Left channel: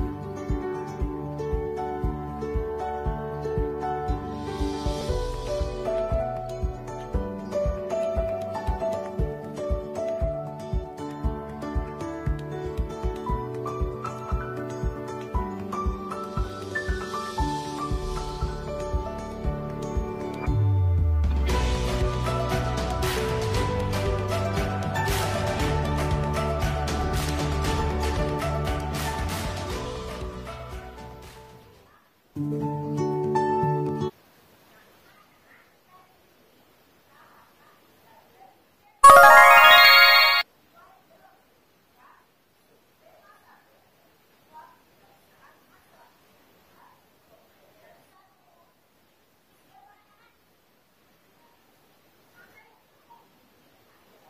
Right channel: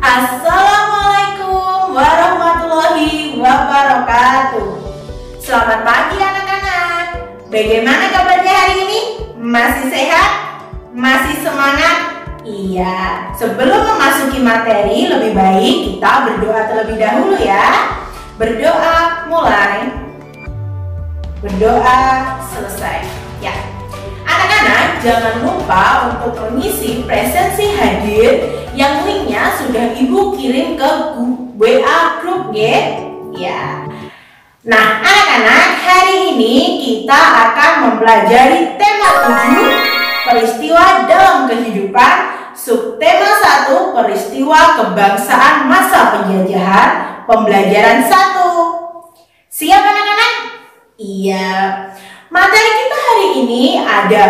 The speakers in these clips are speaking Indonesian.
Assalamualaikum warahmatullahi wabarakatuh. Selamat pagi anak-anak. Bagaimana kabarnya hari ini? Masih sehat? Masih semangat? Iya, sebelum memasuki materi lebih baik kita berdoa terlebih dahulu ya. Berdoa mulai, berdoa selesai. Ya, anak-anak jangan lupa untuk mengisi presensi hadir yang linknya sudah ibu kirim ke WA grup ya. Nah anak-anak, hari ini kita akan mempelajari tema 7 peristiwa dalam kehidupan, subtema 1 peristiwa kebangsaan masa penjajahan, pembelajaran 1. Siap anak-anak? Iya. Materi kita hari ini ada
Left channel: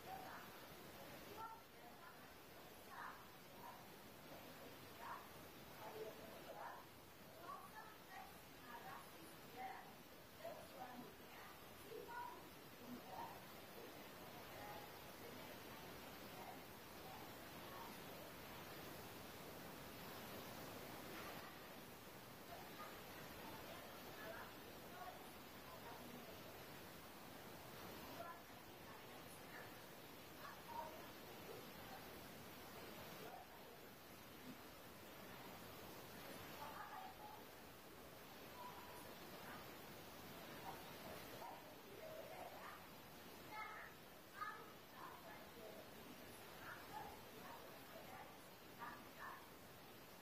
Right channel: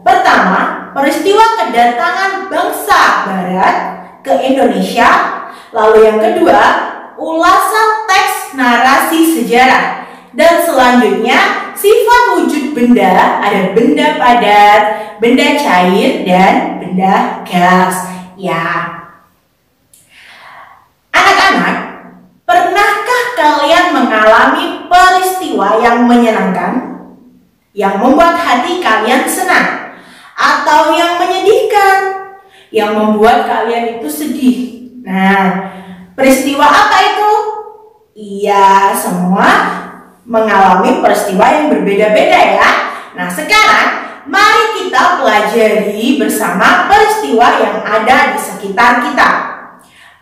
pertama, peristiwa kedatangan bangsa Barat ke Indonesia. Lalu yang kedua, ulasan teks narasi sejarah. Dan selanjutnya, sifat wujud benda. Ada benda padat, benda cair, dan benda gas. Ya. Anak-anak, pernahkah kalian mengalami peristiwa yang menyenangkan, yang membuat hati kalian senang, atau yang menyedihkan, yang membuat kalian itu sedih? Nah, peristiwa apa itu? Iya, semua mengalami peristiwa yang berbeda-beda ya. Nah, sekarang mari kita pelajari bersama peristiwa yang ada di sekitar kita.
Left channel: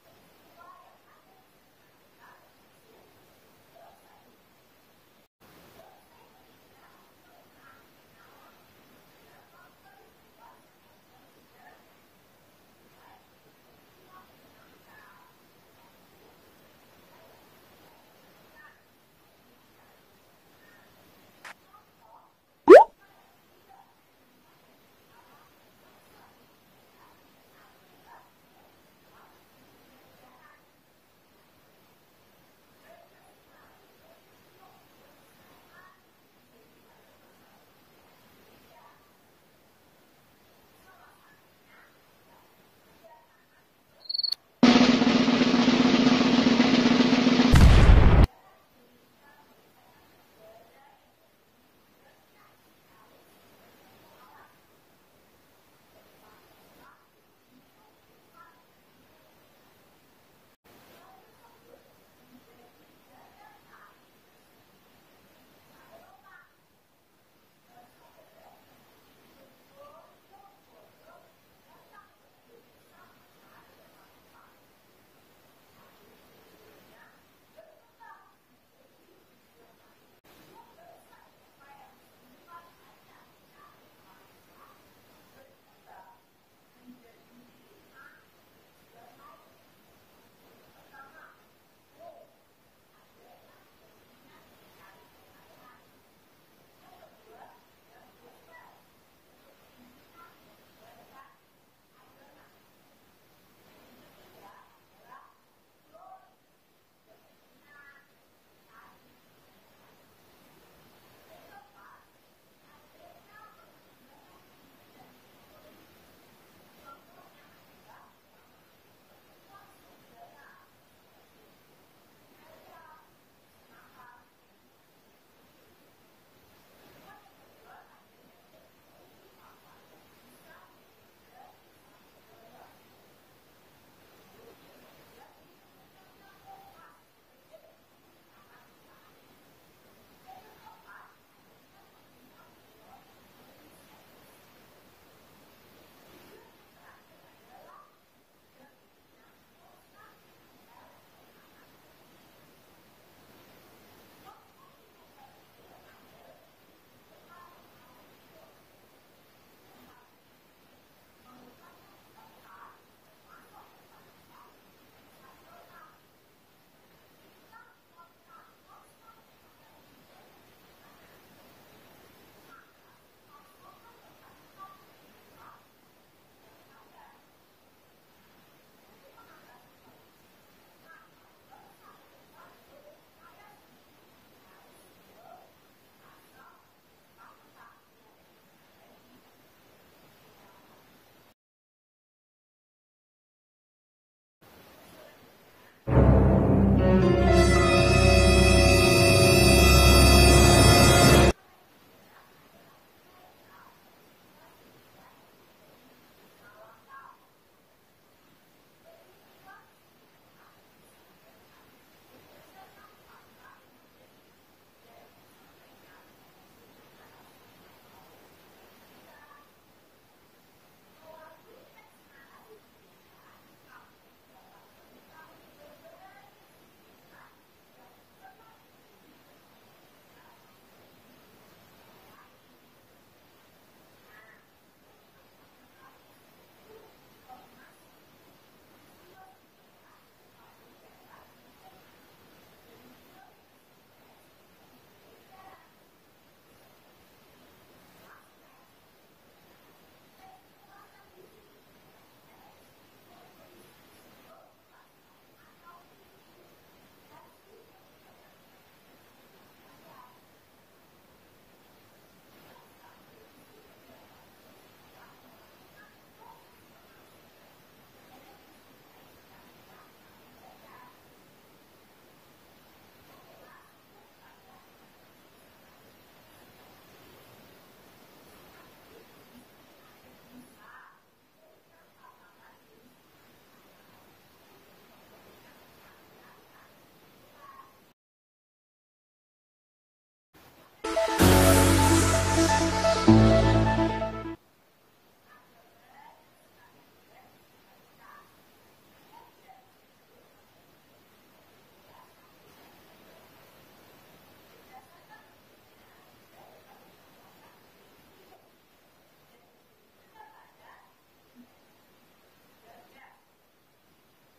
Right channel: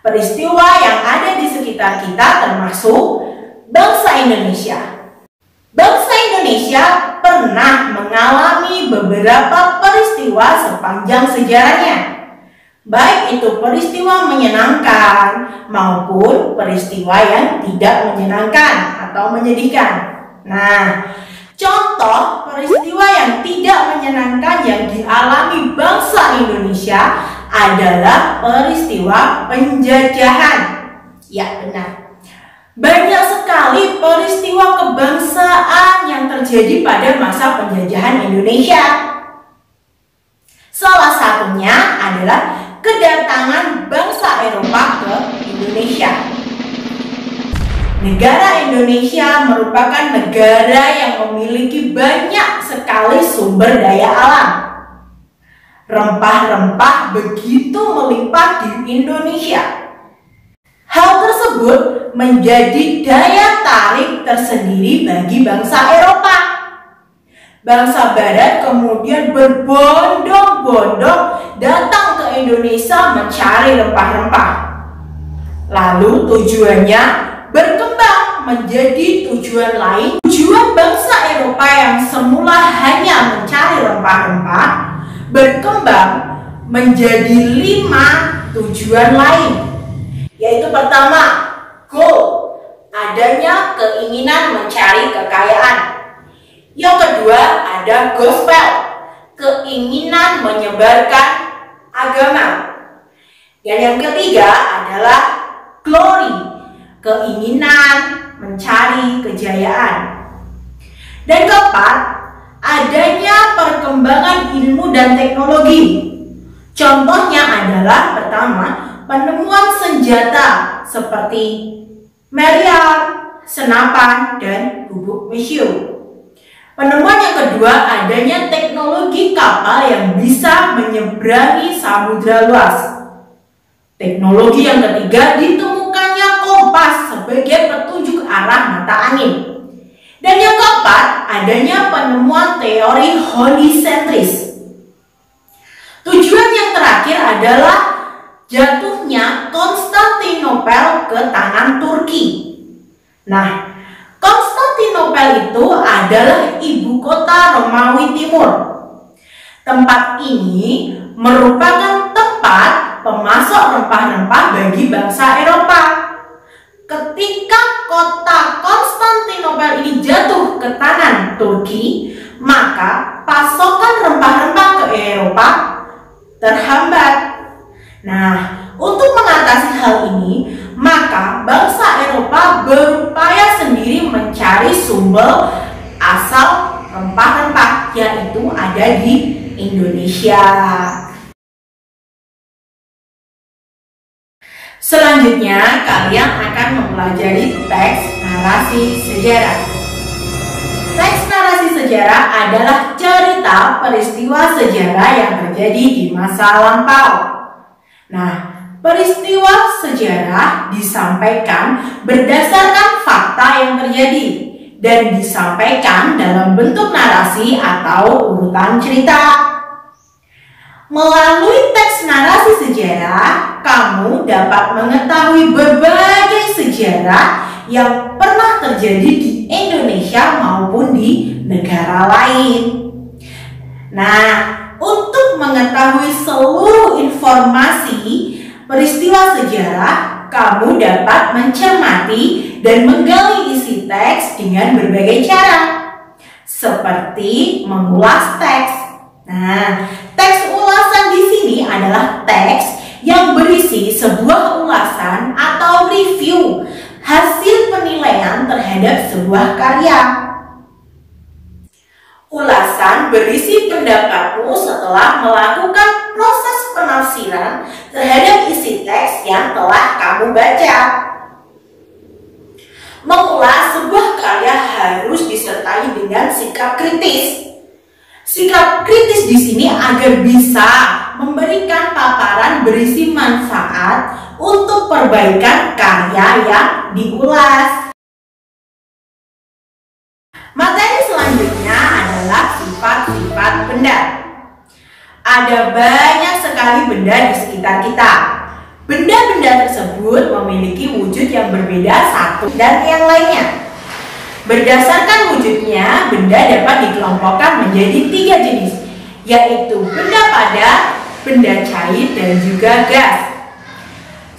Peristiwa yang ada di sekitar kita termasuk bangsa Indonesia. Bangsa Indonesia pernah mengalami beberapa peristiwa sepanjang sejarahnya. Baik itu peristiwa menyenangkan maupun peristiwa yang tidak menyenangkan atau menyedihkan. Nah, contoh peristiwa yang tidak menyenangkan yang dialami bangsa Indonesia adalah peristiwa penjajahan. Ya, benar. Banyak sekali peristiwa kebangsaan yang terjadi pada masa penjajahan Indonesia. Salah satunya adalah kedatangan bangsa Eropa ke Indonesia. Negara Indonesia merupakan negara yang memiliki banyak sekali sumber daya alam. Rempah-rempah begitu melimpah di Indonesia. Hal tersebut menjadi daya tarik tersendiri bagi bangsa Eropa. Bangsa Barat kemudian berbondong-bondong datang ke Indonesia mencari rempah-rempah. Lalu tujuannya berkembang menjadi tujuan lain. Tujuan bangsa Eropa yang semula hanya mencari rempah-rempah berkembang menjadi 5 tujuan lain. Yaitu pertama, goal, adanya keinginan mencari kekayaan. Yang kedua ada gospel, keinginan menyebarkan agama. Dan yang ketiga adalah glory, keinginan mencari kejayaan. Dan keempat, adanya perkembangan ilmu dan teknologi. Contohnya adalah pertama, penemuan senjata seperti meriam, senapan, dan bubuk mesiu. Penemuan yang kedua, adanya teknologi kapal yang bisa menyeberangi samudra luas. Teknologi yang ketiga, ditemukannya kompas sebagai petunjuk arah mata angin. Dan yang keempat, adanya penemuan teori holisentris. Tujuan yang terakhir adalah jatuhnya Konstantinopel ke tangan Turki. Nah, Konstantinopel itu adalah ibu kota Romawi Timur. Tempat ini merupakan tempat pemasok rempah-rempah bagi bangsa Eropa. Ketika kota Konstantinopel ini jatuh ke tangan Turki, maka pasokan rempah-rempah ke Eropa terhambat. Nah, untuk mengatasi hal ini, maka bangsa Eropa berupaya sendiri mencari sumber asal rempah-rempah, yaitu ada di Indonesia. Selanjutnya, kalian akan mempelajari teks narasi sejarah. Teks narasi sejarah adalah cerita peristiwa sejarah yang terjadi di masa lampau. Nah, peristiwa sejarah disampaikan berdasarkan fakta yang terjadi dan disampaikan dalam bentuk narasi atau urutan cerita. Melalui teks narasi sejarah, kamu dapat mengetahui berbagai sejarah yang pernah terjadi di Indonesia maupun di negara lain. Nah, untuk mengetahui seluruh informasi peristiwa sejarah, kamu dapat mencermati dan menggali isi teks dengan berbagai cara, seperti mengulas teks. Nah, teks ulasan di sini adalah teks yang berisi sebuah ulasan atau review hasil penilaian terhadap sebuah karya. Ulasan berisi pendapatmu setelah melakukan proses penafsiran terhadap isi teks yang telah kamu baca. Mengulas sebuah karya harus disertai dengan sikap kritis. Sikap kritis di sini agar bisa memberikan paparan berisi manfaat untuk perbaikan karya yang diulas. Materi selanjutnya adalah sifat-sifat benda. Ada banyak sekali benda di sekitar kita. Benda-benda tersebut memiliki wujud yang berbeda satu dan yang lainnya. Berdasarkan wujudnya, benda dapat dikelompokkan menjadi 3 jenis, yaitu benda padat, benda cair, dan juga gas.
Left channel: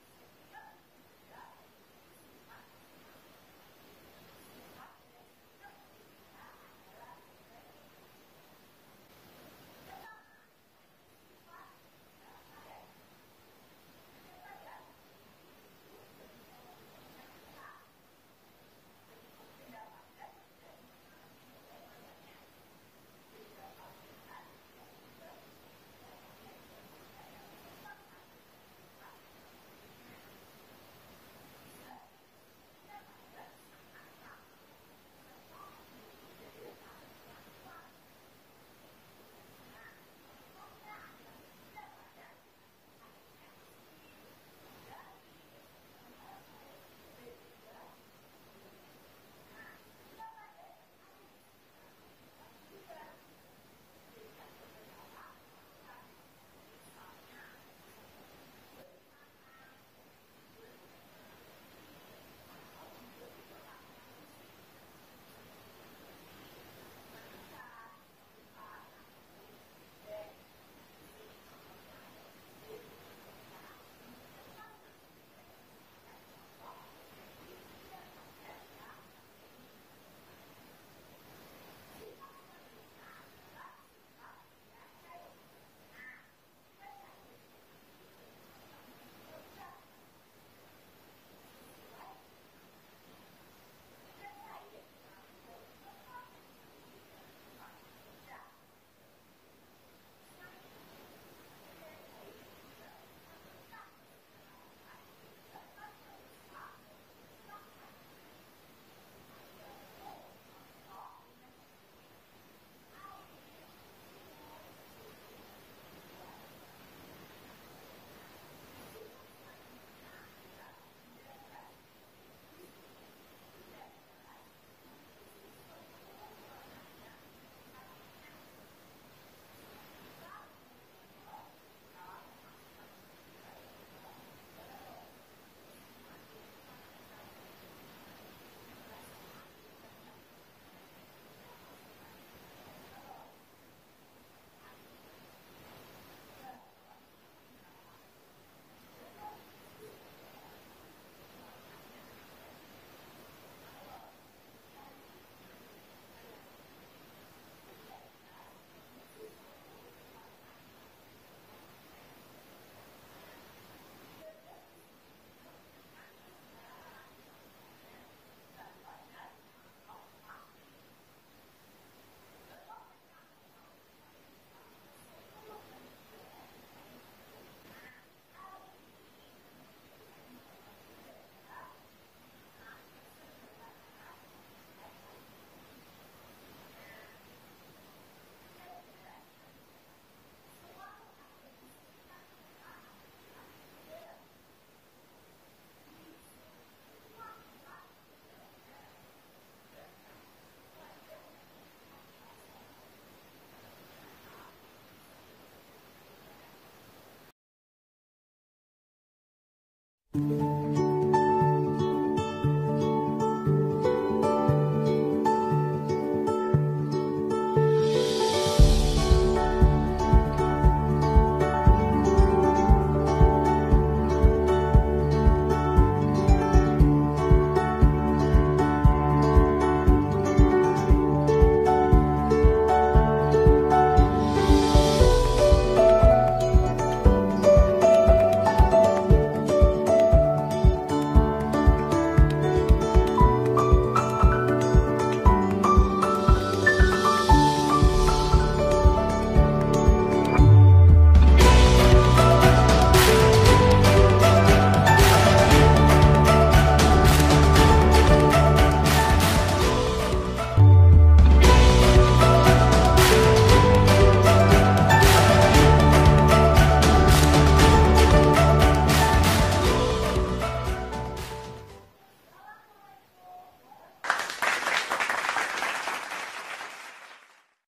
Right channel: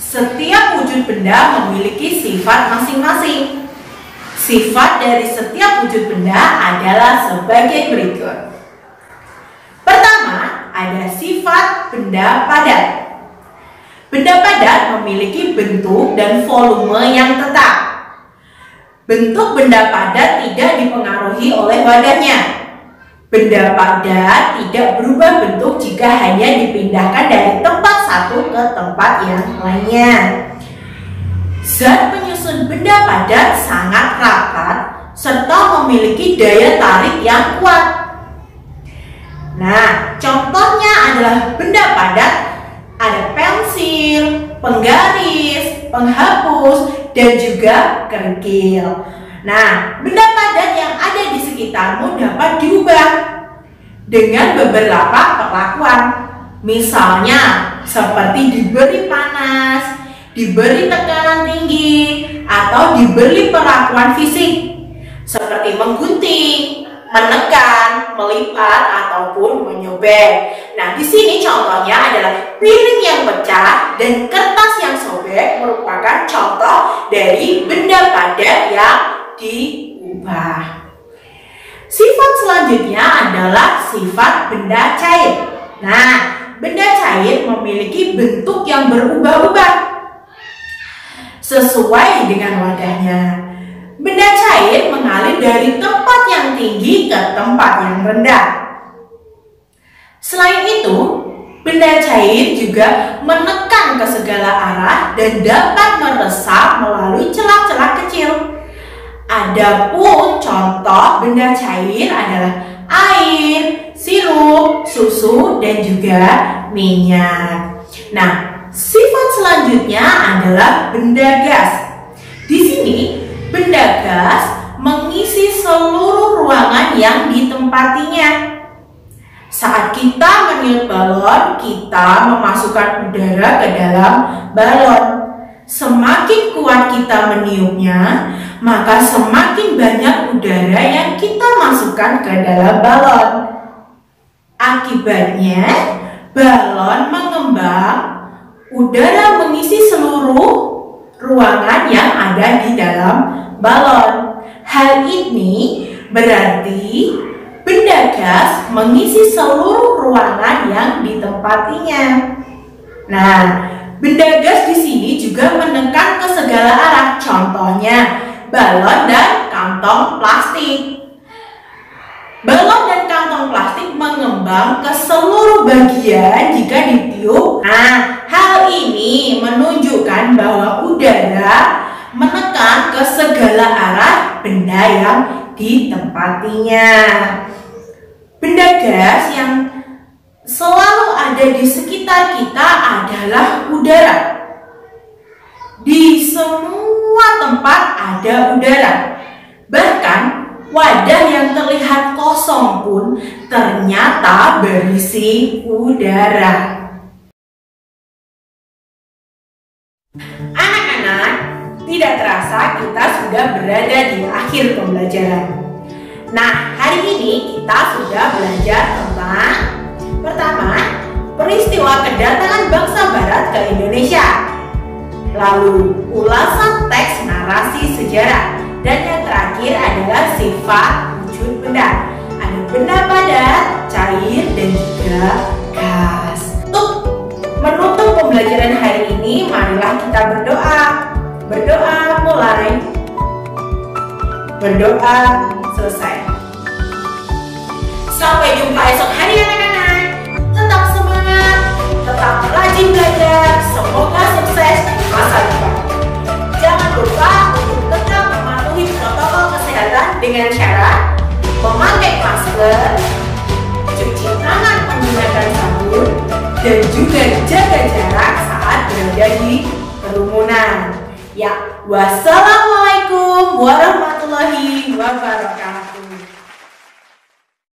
Setiap wujud benda memiliki sifat masing-masing. Sifat dari setiap wujud benda adalah sebagai berikut. Pertama, ada sifat benda padat. Benda padat memiliki bentuk dan volume yang tetap. Bentuk benda padat tidak dipengaruhi oleh wadahnya. Benda padat tidak berubah bentuk jika hanya dipindahkan dari tempat satu ke tempat yang lainnya. Zat penyusun benda padat sangat rapat serta memiliki daya tarik yang kuat. Nah, contohnya adalah benda padat, ada pensil, penggaris, penghapus, dan juga kerikil. Nah, benda padat yang ada di sekitarmu dapat diubah dengan beberapa perlakuan. Misalnya, seperti diberi panas, diberi tekanan tinggi, atau diberi perlakuan fisik, seperti menggunting, menekan, melipat, ataupun menyobek. Nah, di sini contohnya adalah piring yang pecah dan kertas yang sobek merupakan contoh dari benda padat yang diubah. Sifat selanjutnya adalah sifat benda cair. Nah, benda cair memiliki bentuk yang berubah-ubah sesuai dengan wadahnya. Benda cair mengalir dari tempat yang tinggi ke tempat yang rendah. Selain itu, benda cair juga menekan ke segala arah dan dapat meresap melalui celah-celah kecil. Adapun contoh benda cair adalah air, sirup, susu, dan juga minyak. Nah, sifat selanjutnya adalah benda gas. Di sini, benda gas mengisi seluruh ruangan yang ditempatinya. Saat kita meniup balon, kita memasukkan udara ke dalam balon. Semakin kuat kita meniupnya, maka semakin banyak udara yang kita masukkan ke dalam balon. Akibatnya, balon mengembang, udara mengisi seluruh ruangan yang ada di dalam balon. Hal ini berarti benda gas mengisi seluruh ruangan yang ditempatinya. Nah, benda gas di sini juga menekan ke segala arah. Contohnya, balon dan kantong plastik. Balon dan kantong plastik mengembang ke seluruh bagian jika ditiup. Nah, hal ini menunjukkan menandakan bahwa udara menekan ke segala arah benda yang ditempatinya. Benda gas yang selalu ada di sekitar kita adalah udara. Di semua tempat ada udara. Bahkan wadah yang terlihat kosong pun ternyata berisi udara. Anak-anak, tidak terasa kita sudah berada di akhir pembelajaran. Nah, hari ini kita sudah belajar tentang pertama, peristiwa kedatangan bangsa Barat ke Indonesia. Lalu, ulasan teks narasi sejarah. Dan yang terakhir adalah sifat wujud benda. Ada benda padat, cair, dan juga gas. Untuk menutup pembelajaran hari ini, marilah kita berdoa. Berdoa mulai. Berdoa selesai. Sampai jumpa esok hari anak-anak. Tetap semangat, tetap rajin belajar. Semoga sukses di masa depan. Jangan lupa untuk tetap mematuhi protokol kesehatan dengan cara memakai masker, cuci tangan menggunakan sabun, dan juga jaga jarak saat berada di kerumunan. Ya, wassalam.